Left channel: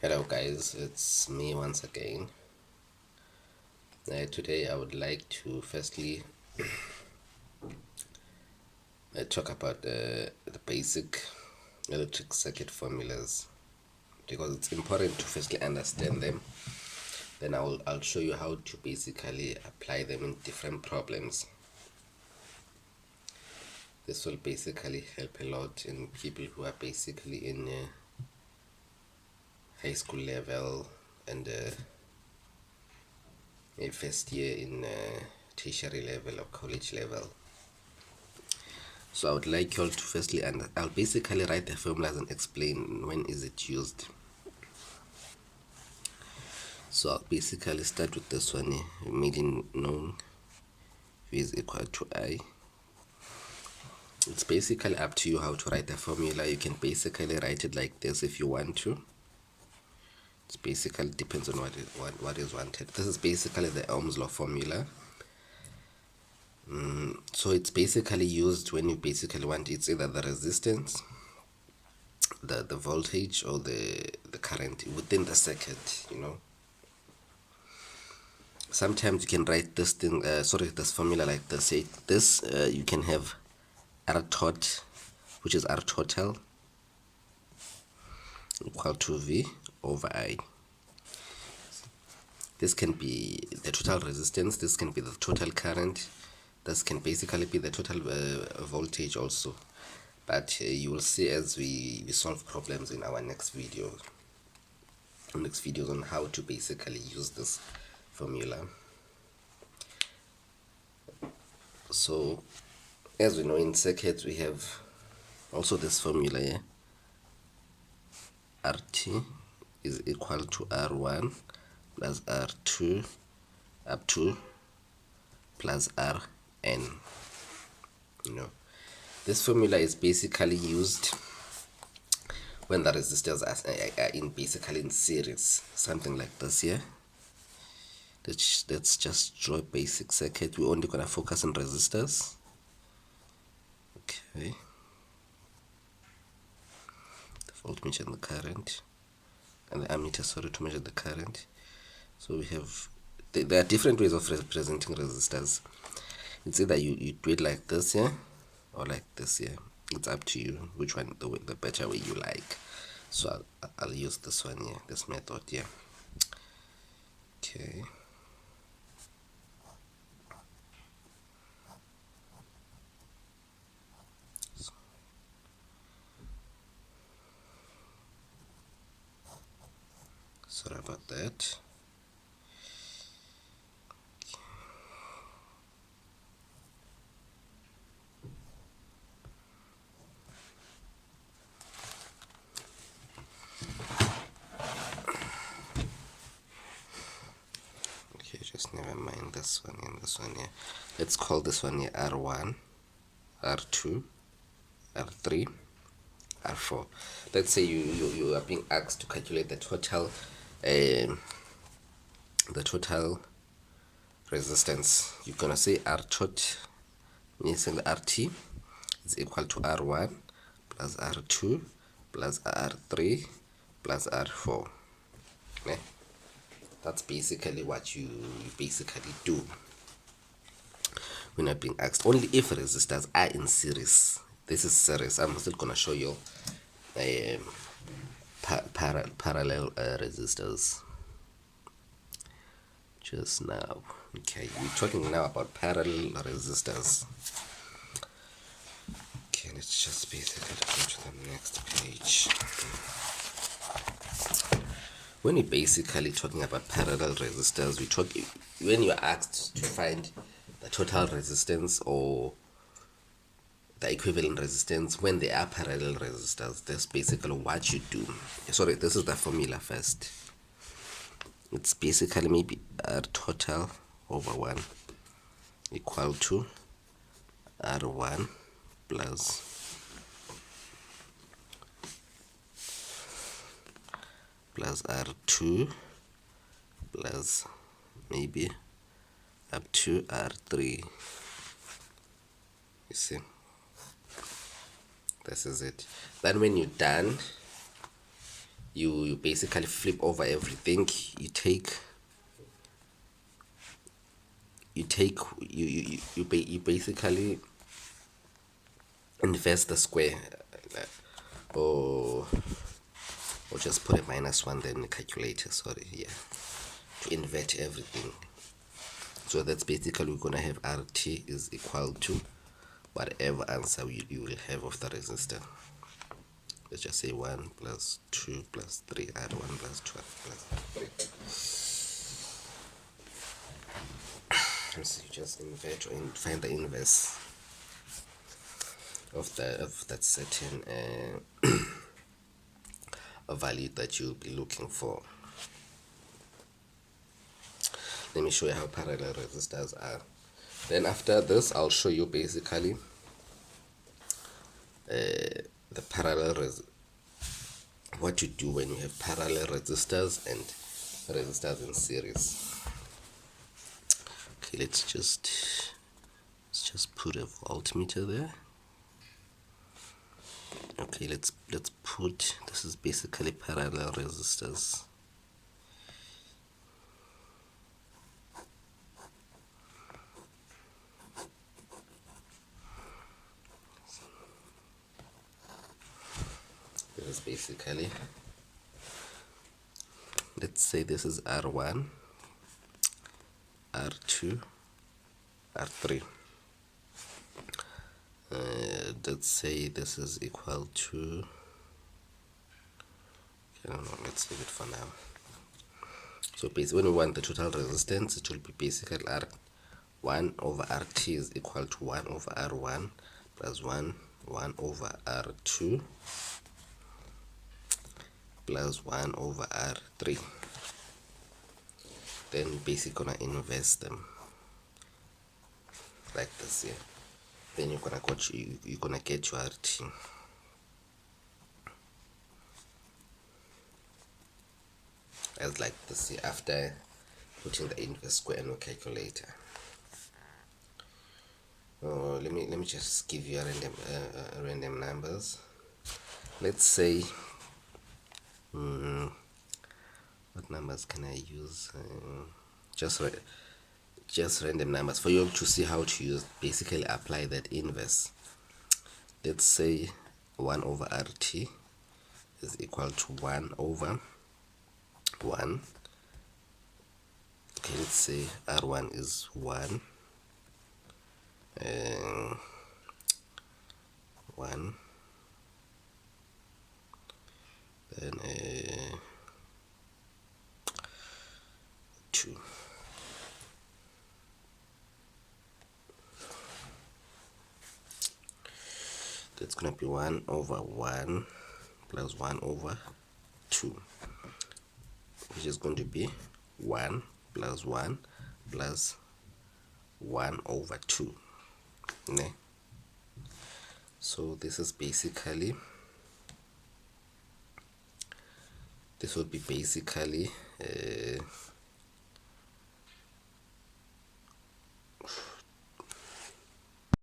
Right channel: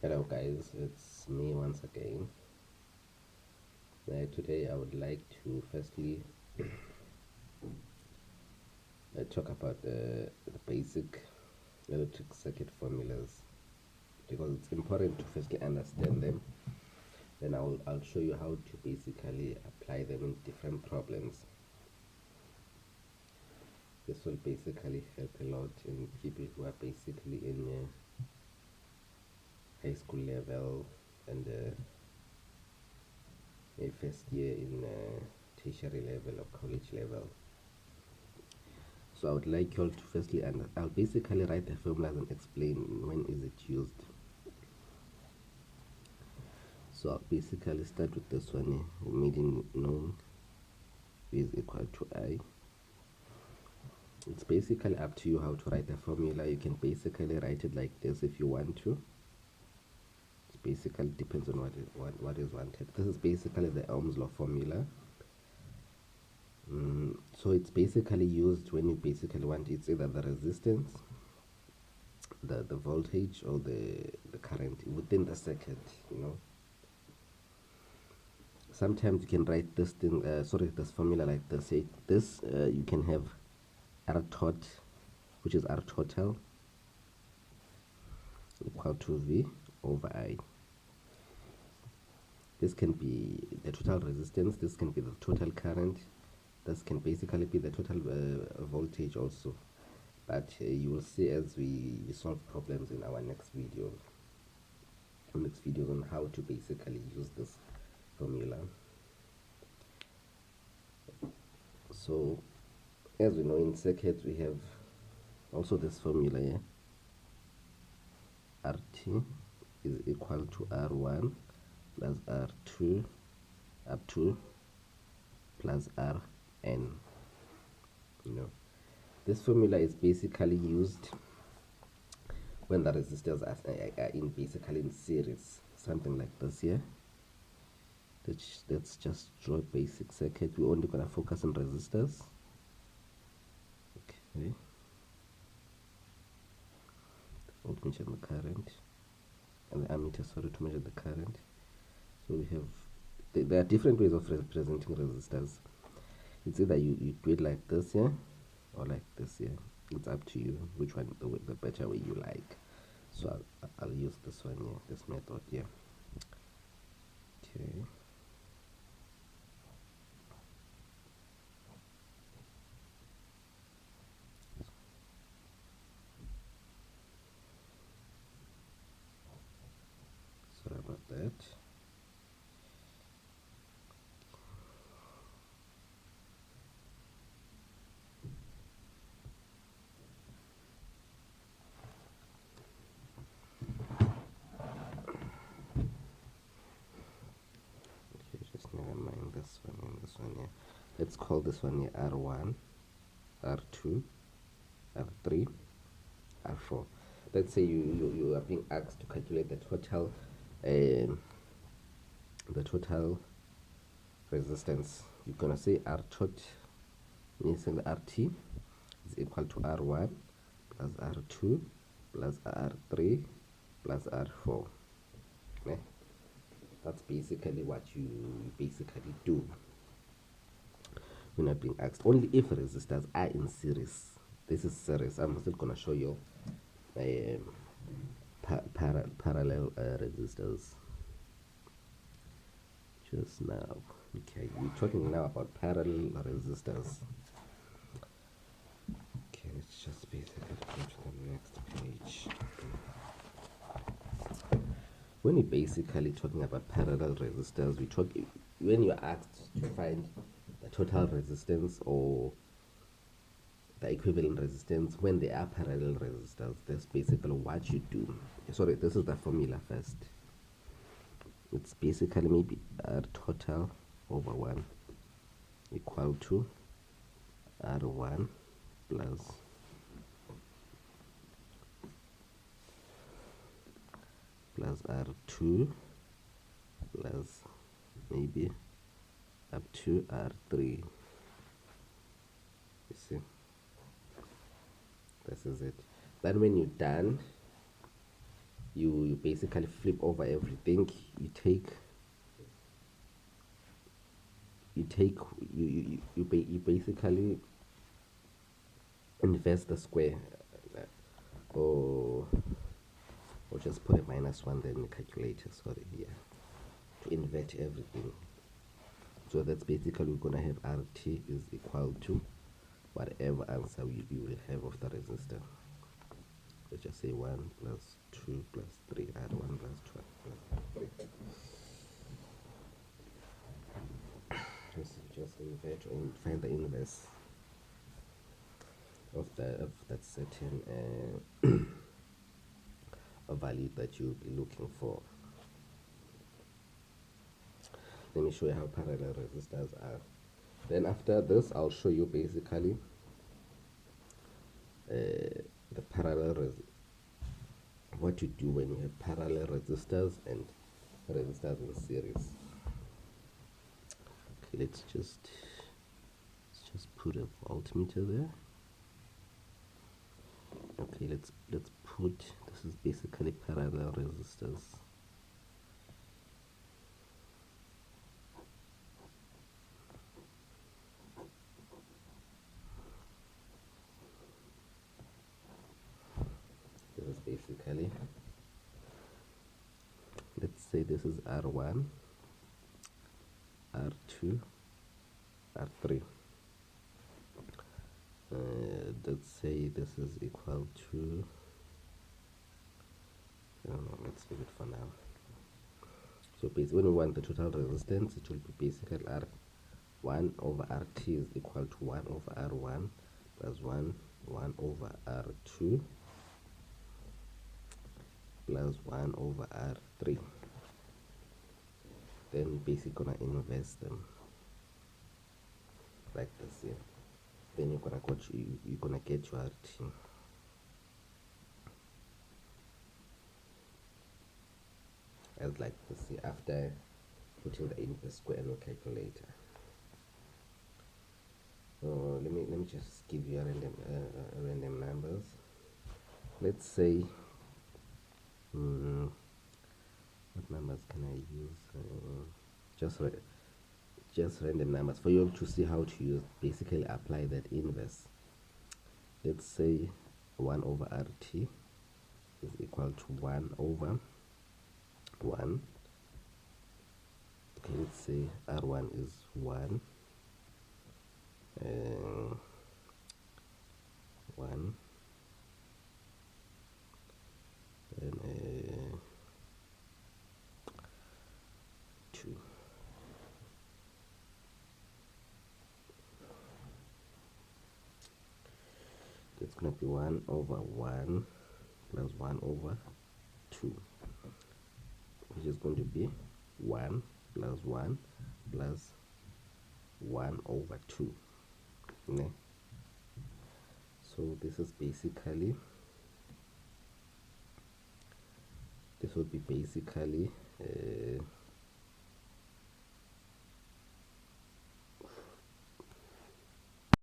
Hello guys, it's me once again. Today I would like to firstly talk about the basic electric circuit formulas because it's important to firstly understand them. Then I'll show you how to basically apply them in different problems. This will basically help a lot in people who are basically in high school level and a first year in tertiary level or college level. So I would like you all to firstly, and I'll basically write the formulas and explain when is it used. So I'll basically start with this one here, making known V is equal to I. It's basically up to you how to write the formula. You can basically write it like this if you want to. It basically depends on what is wanted. This is basically the Ohm's law formula. So it's basically used when you basically want it's either the resistance, the voltage, or the current within the circuit. Sometimes you can write this thing, this formula like this. Say this, you can have R tot, which is R total, equal to V over I. This can be the total resistance, this can be the total current, this can basically be the total voltage also. But you will see as we solve problems in our next videos on how to basically use this formula. So as we know, in circuits we have also this formula here. RT is equal to R1 plus R2 up to plus Rn. This formula is basically used when the resistors are basically in series, something like this here. Let's just draw a basic circuit. We're only gonna focus on resistors. Okay. The voltmeter and the current, and the ammeter, sorry, to measure the current. So we have there are different ways of representing resistors. It's either you do it like this here or like this here. It's up to you which one the better way you like. So I'll use this one here, this method here. Okay. Sorry about that. Okay, just never mind this one and this one here. Let's call this one here R1, R2, R3, R4. Let's say you are being asked to calculate the total resistance. You're gonna say R tot means RT is equal to R1 plus R2 plus R3 plus R4. Okay? That's basically what you basically do when you're being asked. Only if resistors are in series. This is series. I'm still gonna show you parallel resistors just now. Okay, we're talking now about parallel resistors. Okay, let's just basically go to the next page. When we're basically talking about parallel resistors, when you're asked to find the total resistance or the equivalent resistance when they are parallel resistors, that's basically what you do. Sorry, this is the formula first. It's basically maybe R total over 1 equal to R1 plus R2 plus maybe up to R3. You see, this is it. Then when you're done, you basically flip over everything. You basically invest the square, or just put a -1 then the calculator, sorry, yeah, to invert everything. So that's basically, we're gonna have RT is equal to whatever answer you will have of the resistor. Let's just say 1 plus 2 plus 3, add 1 plus 2 plus 3. So you just invert or find the inverse of that certain value that you'll be looking for. Let me show you how parallel resistors are. Then after this, I'll show you basically the what to do when you have parallel resistors and resistors in series. Okay, let's just put a voltmeter there. Okay, let's put, this is basically parallel resistors. This is basically, let's say this is R1, R2, R3. Let's say this is equal to, I don't know, let's leave it for now. So basically, when we want the total resistance, it will be basically R1 over RT is equal to 1 over R1 plus 1 over R2 plus 1 over R3. Then we're basically gonna invest them like this here. Then you're gonna get your RT. As like this here, after putting the inverse square in your calculator. Oh, let me just give you a random numbers. Let's say, what numbers can I use? Just random numbers for you to see how to use, basically apply that inverse. Let's say 1 over RT is equal to 1 over 1. Okay, let's say R1 is 1, 1, then 2. That's gonna be 1 over 1 plus 1 over 2, which is going to be 1 plus 1 plus 1 over 2. Ne? So this is basically, this would be basically